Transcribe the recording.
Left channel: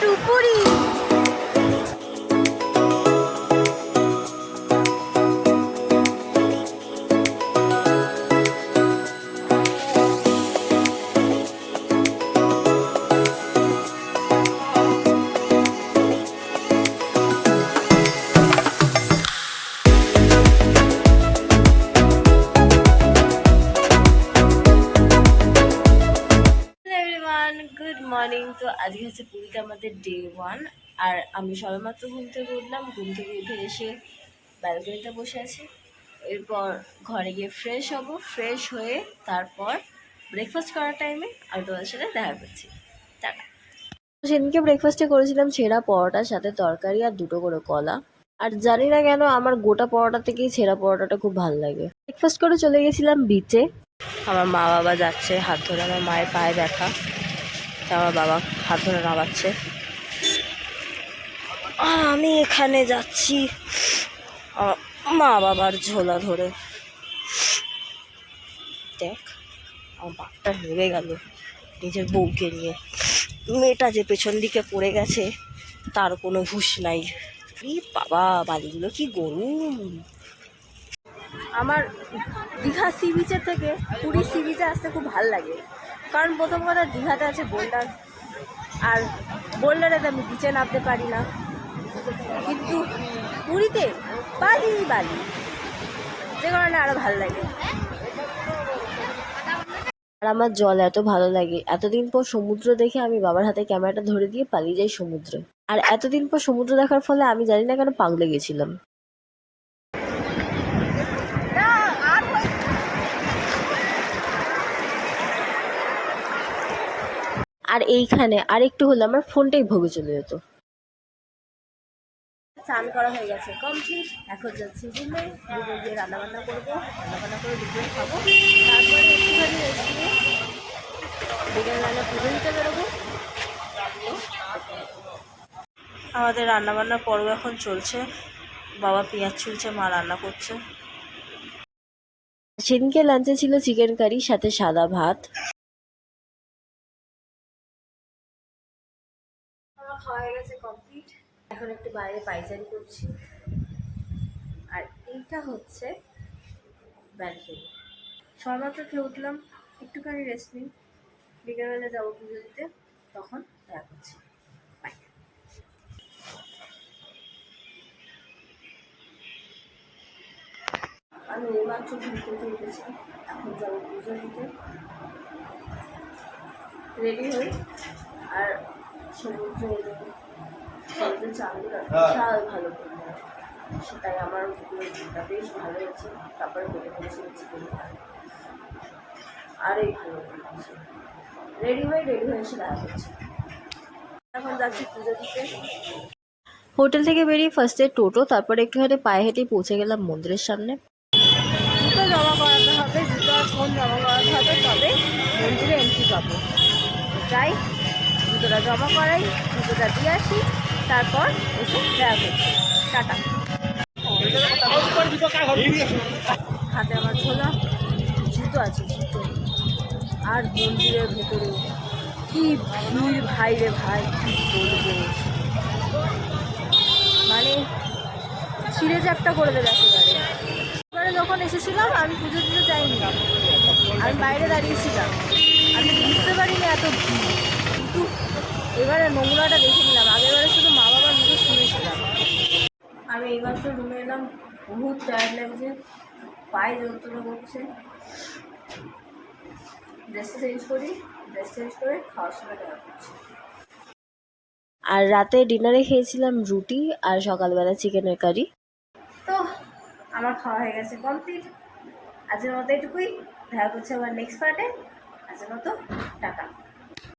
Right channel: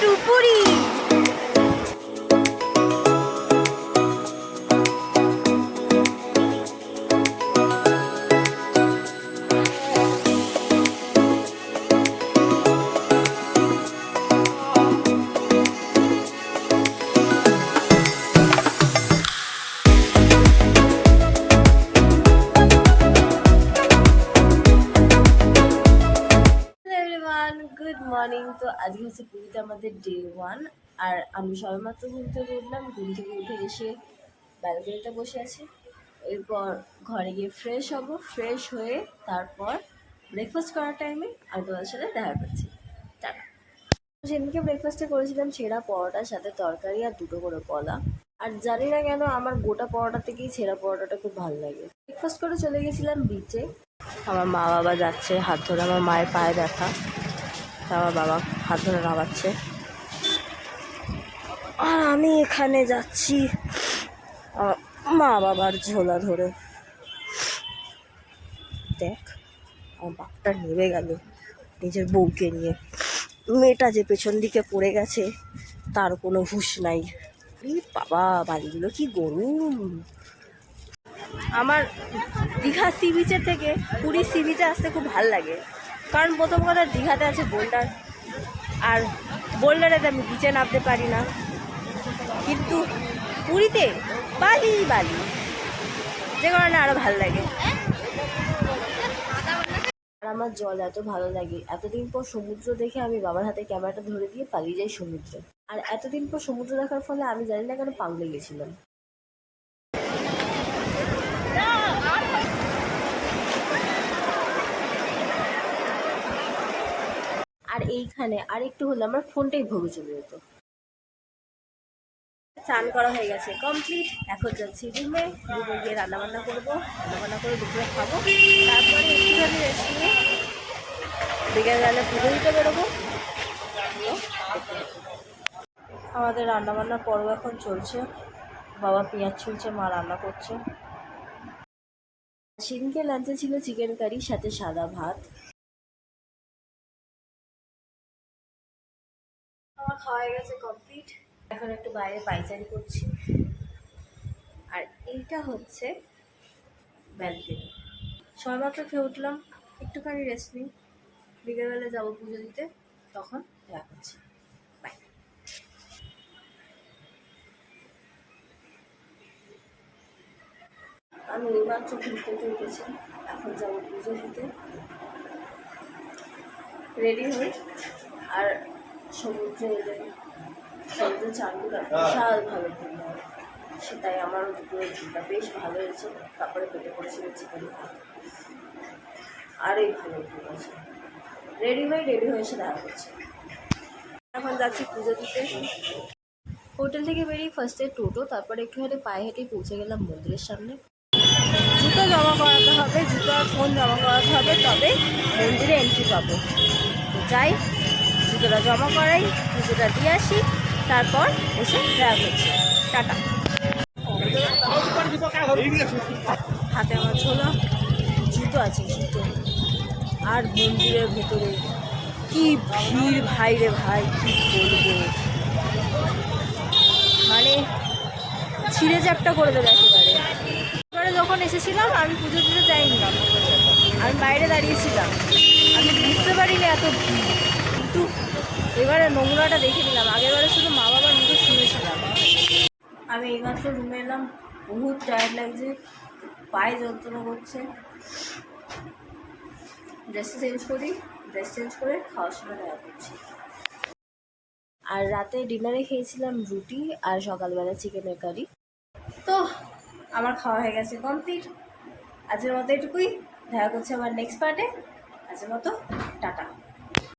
Two Puri. Good morning. তো আজকে হচ্ছে পুরীতে আমাদের ডে 1। আর আমি সবেমাত্র ঘুম থেকে উঠলাম। ঘুম থেকে উঠে এসে ব্যালকনিতে বসে আছি। এরপর ঘরে গিয়ে ফ্রেশ হব। ফ্রেশ হয়ে তারপর ব্রেকফাস্ট করার টাইমে আমি তোমাদের সাথে দেখা করছি। টাটা। সেদিনকে ব্রেকফাস্টে করেছিলাম ছেঁড়া পরোটার সাথে তরকারি আর 2টো করে কলা। আর জানি না কেন আমার গোটা পরোটা থেকেই ছেঁড়া পরোটাটা খুব ভালো লাগে। ব্রেকফাস্ট করে চলে গেছিলাম বিচে। আমার মা বাবা যাচ্ছে হাত ধরে, আমার মায়ের পায়ে ব্যথা, আমার বাবা হাত ধরে নামাচ্ছে। আর আমি এখানে যাচ্ছি আমার মা বাবার ঝোলা ধরে। দেখ আমার বাপটা নেমে গেল নিজের বউকে নিয়ে। মেয়েটা যে পেছন দিকে পড়ে গেছে তার কোনো হুঁশ নাই। বাবা বালিগুলো কি গরম। আমার দীঘা সি বিচের থেকে পুরী সি বিচে আসতে খুব ভাল লাগে। কারণ প্রথম কথা দীঘাতে আছে বোল্ডার, আর বোল্ডারেতে আমি বিচে নামতে পারি না। কিন্তু পুরীতে বালি বালি, যে কারণে আরও ভালো লাগে। আর আমার জল এত ভালো লাগে, এতদিন পর সমুদ্র দেখে আমি বাবার হাতে ক্যামেরাটা ধরে দিয়ে পালিয়ে যাই সমুদ্রে। আর এতদিন পর সমুদ্র দেখার ফলে আমি জানি না কেন পাগলে গেছিলাম। আর এইখানে আর একটু হলে আমার ফোনটাই ভোগে চলে যেত। স্নান করা হয়ে গেছে কমপ্লিট। এখন যাচ্ছি রুমে। রুমে গিয়ে রান্নাবান্না করবো, রান্নাবান্না করে দুপুরে খাবো। তারপরে একটুখানি রেস্ট নিয়ে বিকেলবেলা পুজো দিতে বেরোবো। আমাদের রান্নাবান্নার পর্ব এখন চলছে। বাবা পেঁয়াজ ছুলছে, মা রান্না করছে। সেদিনকে লাঞ্চে ছিল চিকেন কারি সাথে সাদা ভাত। আমার খাওয়া হয়ে গেছে কমপ্লিট। এখন একটু বাইরে পাইচারি করছি। আর এইটা হচ্ছে ব্যালকনি। সবেমাত্র খেয়ে উঠলাম, একটুখানি রেস্ট নিই। বিকেলবেলা যাবো পুজো দিতে, তখন দেখা করছি। বাই। আমি এইমাত্র ঘুম থেকে উঠেছি, এখন যাবো পুজো দিতে। রেডি হই আর সমুদ্রে এলে সমুদ্রের চাঁদগুলো বিশাল ভালো ঘুম হয়। সেটাই আমারও দুপুরের ঘুমটা বেশ ভালো হয়েছে। তারপরে পেটে পড়েছিল চিকেন ভাত, আর এই ভালো ঘুম আছে। রেডি হয়ে এসে দেখা করছি। এখন যাচ্ছি পুজো দিতে। হোটেল থেকে বেরিয়ে ফার্স্টে টোটো, তারপরে একটুখানি পায়ে হেঁটেই পৌঁছে গেলাম মন্দিরের সামনে। জুতো জমা করাতে হবে, জুতো আর ফোন জমা করাতে হবে, তবে মন্দিরে এন্ট্রি পাবো। তো যাই, জুতোটা জমা করাই, জুতোটা দিয়ে আসি, তারপর এসে দেখা করছি। টাটা। হাতে আমার ঝোলা, জুতো আছে, জুতো। আর মন্দিরের ভেতরে কি ভিড় ভাই রে ভাই, কি বলবো, মানে ছিঁড়ে চ্যাপটা করে দেবে একেবারে। এবারে যখন এসেছিলাম আমি পুজো দিতে যাইনি, আমি বাইরে দাঁড়িয়েছিলাম, আমি বুঝতে পারিনি এত ভিড়। কিন্তু এবারে নোংরাটা দেখে নিলাম, আগেরবারে শুধু মা বাবার মুখে শুনেছিলাম। আমি এইমাত্র রুমে এলাম, বহুত টায়ার্ড লাগছে, পায়ে যন্ত্রণা করছে। ড্রেসটা চেঞ্জ করি, ড্রেস চেঞ্জ করে খাওয়ার সময় দেখা করছি। আর রাতে ডিনারে খেয়েছিলাম রুটি আর সকালবেলা চিকেনের কারি। তো আমার খাওয়া হয়ে গেছে কমপ্লিট। আজকের মতো এটুকুই, দেখা করছে আবার নেক্সট পার্টে। আজকের মতো টাটা।